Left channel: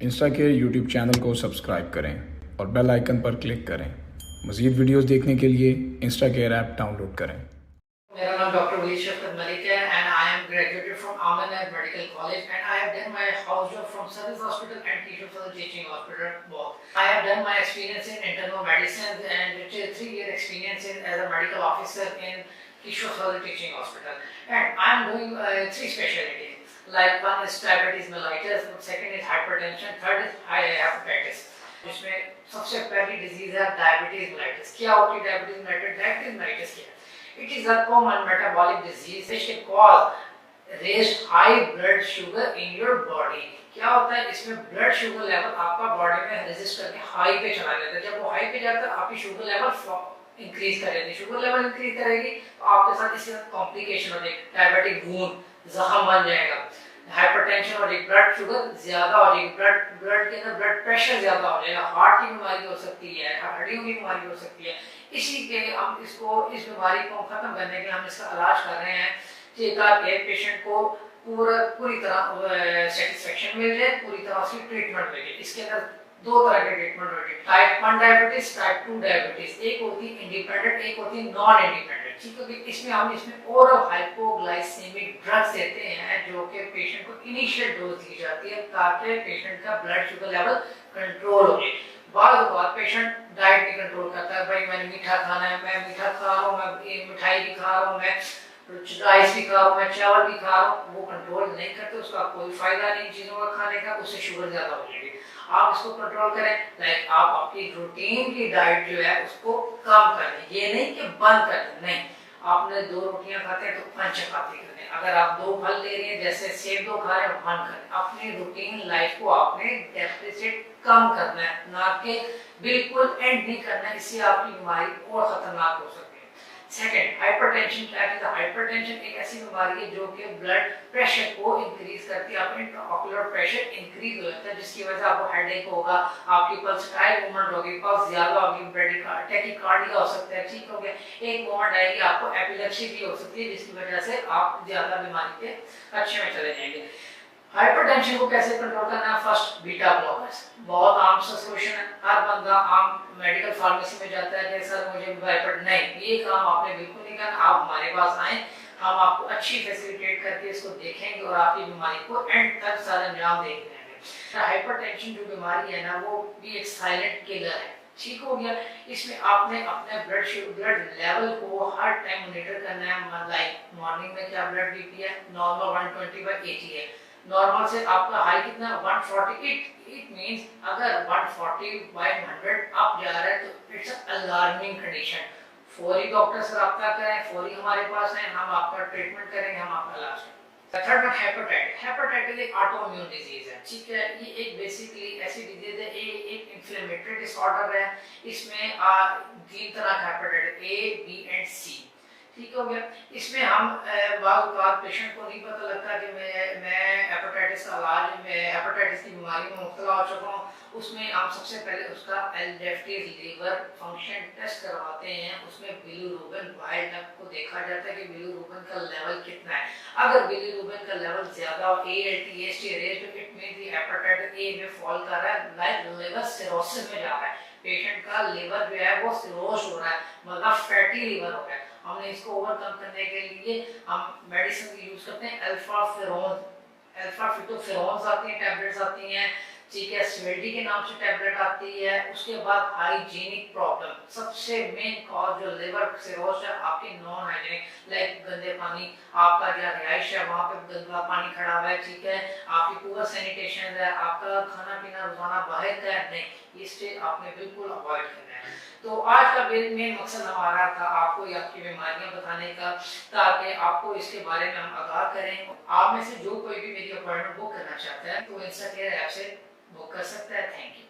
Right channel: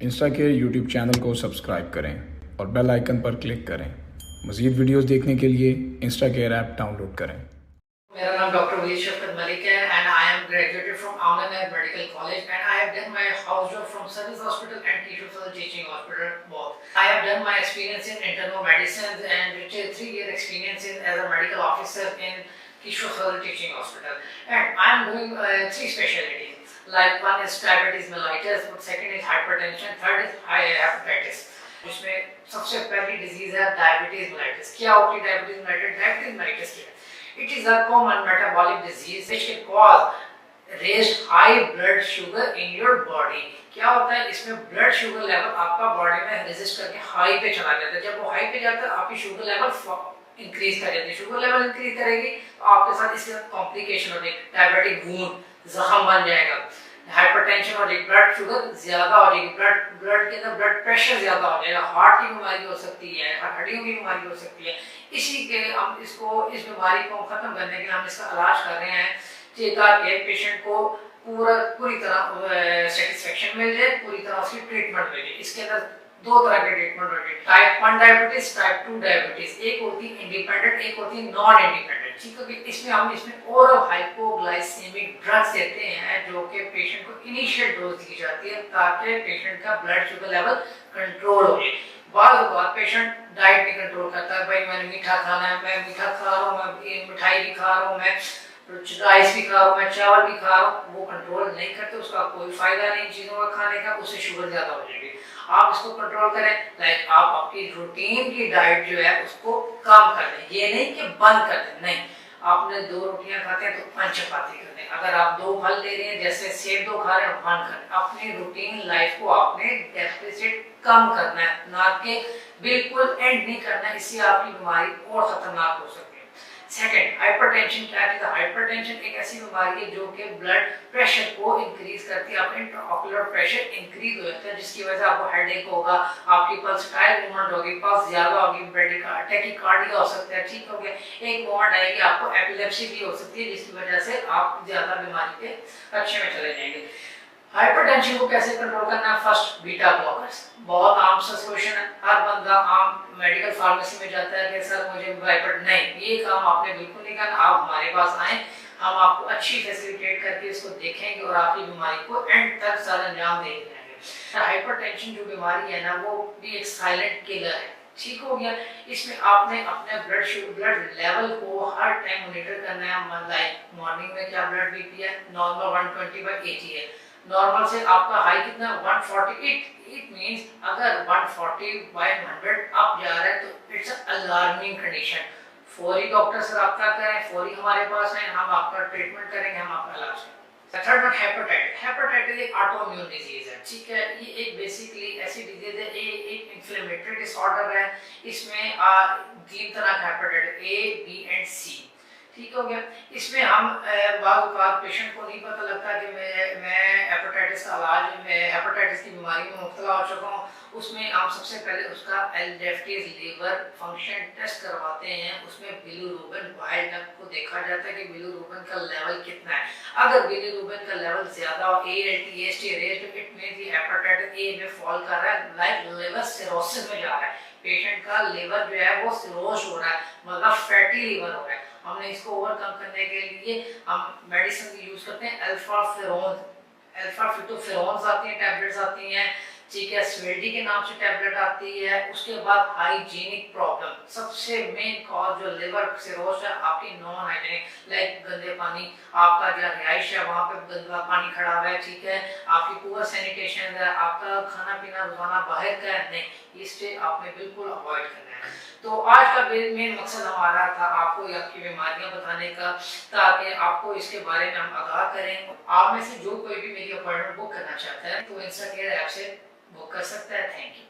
Insta के YouTube channel को subscribe करें और बेल आइकन पर क्लिक करें। मज़ीद वीडियोस देखने के लिए इंस्टा केयर ऐप डाउनलोड करें। मेरा नाम डॉक्टर वली शफकत मलिक है and I am graduated from Amla medical college and I have done my house job from service hospital and teacher teaching hospital both. I have done my experience in internal medicine and 3 year experience as a medical officer in Kishore Teaching Hospital, and I am doing 3 specialties. Like one is diabetes mellitus, second is hypertension, third is hepatitis. जिसमें सबसे पहली disease है diabetes mellitus. क्या होती है diabetes mellitus? Diabetes mellitus क्या है? It is a common metabolic disease which can cause raised high blood sugar in your body. क्या होता है इसमें? ब्लड शुगर लेवल आपका बॉडी में रेजिस्ट करके हाई पे चला जाता है। जब वो हाई पे जाता है आपकी शुगर लेवल इंक्रीज कर जाती है। शुगर लेवल इंक्रीज करेगी तो आपके साथ इसके साथ कॉम्प्लिकेशन हो जाएगी, डायबिटिक वूंड, जख्म बन जाएगा, हाइपरटेंशन हो जाएगी, ब्लड शुगर ज्यादा हो जाएगी, ब्लड के अंदर ब्लड प्रेशर ज्यादा हो जाएगा, हार्ट की बीमारी हो सकती है, हड्डियों की बीमारी हो सकती है। इसी के हम इसको इस बीमारी को खत्म करने के लिए हम इसका इलाज कर रहे हैं ताकि पेशेंट को पूरी तरह सेटिस्फेक्शन मिल जाए, पूरी तरह उसकी ट्रीटमेंट मिल जाए। इसके अंदर 2 तरह के ट्रीटमेंट होते हैं, टाइप 1 डायबिटीज, टाइप 2 डायबिटीज। एक होती है इंडिपेंडेंट, एक होती है नॉन इंडिपेंडेंट। ठीक है कि इसमें ओरल हाइपोग्लाइसेमिक ड्रग्स देते हैं जो कि पेशेंट को इनिशियल डोज दी जाती है ताकि पेशेंट का ब्लड शुगर लेवल कंट्रोल हो जाए। बाद पेशेंट डाइट भी कंट्रोल करता है, भाई मैंने मीठा खाना है, मैं मीठा खा रहा हूँ, मैं मिठाई भी खा रहा हूँ, मैं राइस भी खा रहा हूँ, मैं चावल भी खा रहा हूँ, वो कंट्रोल नहीं करते, उसका कोई फायदा नहीं चीज़ों का खाने का, उससे शुगर ज़्यादा हो जाएगी। आप इसको कंट्रोल करें, लाइक आप आपकी रूटीन की डाइट जो है उसको कम कर दें, ये नहीं कि बंद कर दें, नहीं। आपने 2 रोटियां खाते हैं तो 5 चपाती कर दें। अगर आप 2 फल ले रहे हैं, जैसे सेब 2 खा रहे हैं, 1 कर। अपनी रूटीन लाइफ को आपने डेफिसिट कम करना है, ना कि बिल्कुल एंड नहीं करना है, इससे आपकी बीमारी और खतरनाक हो सकती है। सेकंड, हाइपरटेंशन क्या है? हाइपरटेंशन एक ऐसी बीमारी है जो कि ब्लड प्रेशर को इंक्रीज करती है, आपका इंट्राऑक्यूलर प्रेशर इंक्रीज हो जाता है, जिसकी वजह से आपको हेडेक होगा, आपकी पल्साटाइल मूवमेंट होगी, पल्स ज्यादा होगी, टैकीकार्डिया हो सकता है। ठीक हो गया। एक मोमेंट आएगी आपको एपिलेप्सी भी हो सकती है, जिसकी वजह से आप ज्यादा बीमारी के अच्छे में चले जाएंगे। हाइपरटेंशन को कैसे कंट्रोल करना है? First, beta blockers. बहुत आम सा सॉल्यूशन है, हर बंदा आम मेडिकल फार्मेसी में जाता है कि सर मुझे हाइपर, नहीं, ये काम आपने बिल्कुल नहीं करना। आप हमारे पास आए, हम आपको अच्छी फैसिलिटेट करके इसको देखेंगे और आपकी बीमारी को एंड तक सारा अंजाम दे देंगे। हाइपरटेंशन जो बीमारी है ना, वो भी एक साइलेंट किलर है। ठीक हो गया। इसमें आपने अपने ब्लड लेवल को हर टाइम मॉनिटर करना है। लाइक मॉर्निंग में क्या ब्लड बीपी है? नॉर्मल 120/80 है। नॉर्मल से आपका हाई कितना? 140। इट मींस अगर 140/100 अप जा रहा है तो इट्स अलार्मिंग कंडीशन। फौरी डॉक्टर से रब्ता करें, फौरी हमारे पास है, हम आपका ट्रीटमेंट करेंगे, हम आपका इलाज करेंगे। Third one, hepatitis. हेपेटाइटिस एक ऑटोइम्यून डिजीज है। ठीक है, ये एक बेसिकली ऐसी डिजीज है, ये एक इन्फ्लेमेटरी डिसऑर्डर है। इसमें 3 तरह का हेपेटाइटिस, ए, बी एंड सी। ठीक हो गया। इसमें हम बार पेशेंट को नहीं पता लगता कि मैं हेपेटाइटिस का इलाज, मैं हेपेटाइटिस की बीमारी में मुब्तला हो चुका हूँ। उसमें हम सबसे पहले उसका एल्डेप्टिव लीवर फंक्शन टेस्ट करवाते हैं। उसमें बिलीरुबिन वाइल्ड टाइप को देखा जाता है कि बिलीरुबिन का लेवल कितना है। अगर बिलीरुबिन का लेवल ज्यादा हो, ALT, AST raised, it means ये हेपेटाइटिस ए में फॉल कर रहा है, लाइक लिवर सिरोसिस में जा रहा है। पेशेंट का लिवर जो है वो सिरोस हो रहा है, मतलब फैटी लिवर हो रहा है। हमने इसको ओवरकम करने के लिए हम मेडिसिन यूज करते हैं, अल्फा फिटोफेरोन्स आती हैं, टैबलेट्स आती हैं। ठीक है, स्वेल्डी के नाम से टैबलेट आती है। उसके बाद हाइजीनिक प्रॉब्लम, सबसे मेन कॉज जो लिवर सिरोस है आपकी नॉन हाइजीनिक, लाइक गंदे पानी, आपका जो रिहाइश है वहाँ पे गंदा पानी खड़ा हुआ है। ठीक है, आपकी पुअर सैनिटेशन है, आपका खाना पीना रोजाना बाहर का है, नहीं, इससे आपने बिल्कुल अवॉइड करना है। तो आज का मेन मकसद हमारा था आपको आपकी बीमारियां बताने का, ताकि आपको इसके बारे में हम आगाह करें। आप में से जो कोई भी मेरी अपॉइंटमेंट बुक करना चाहता है तो इंस्टा केयर ऐप से बुक कर सकता है। Thank you.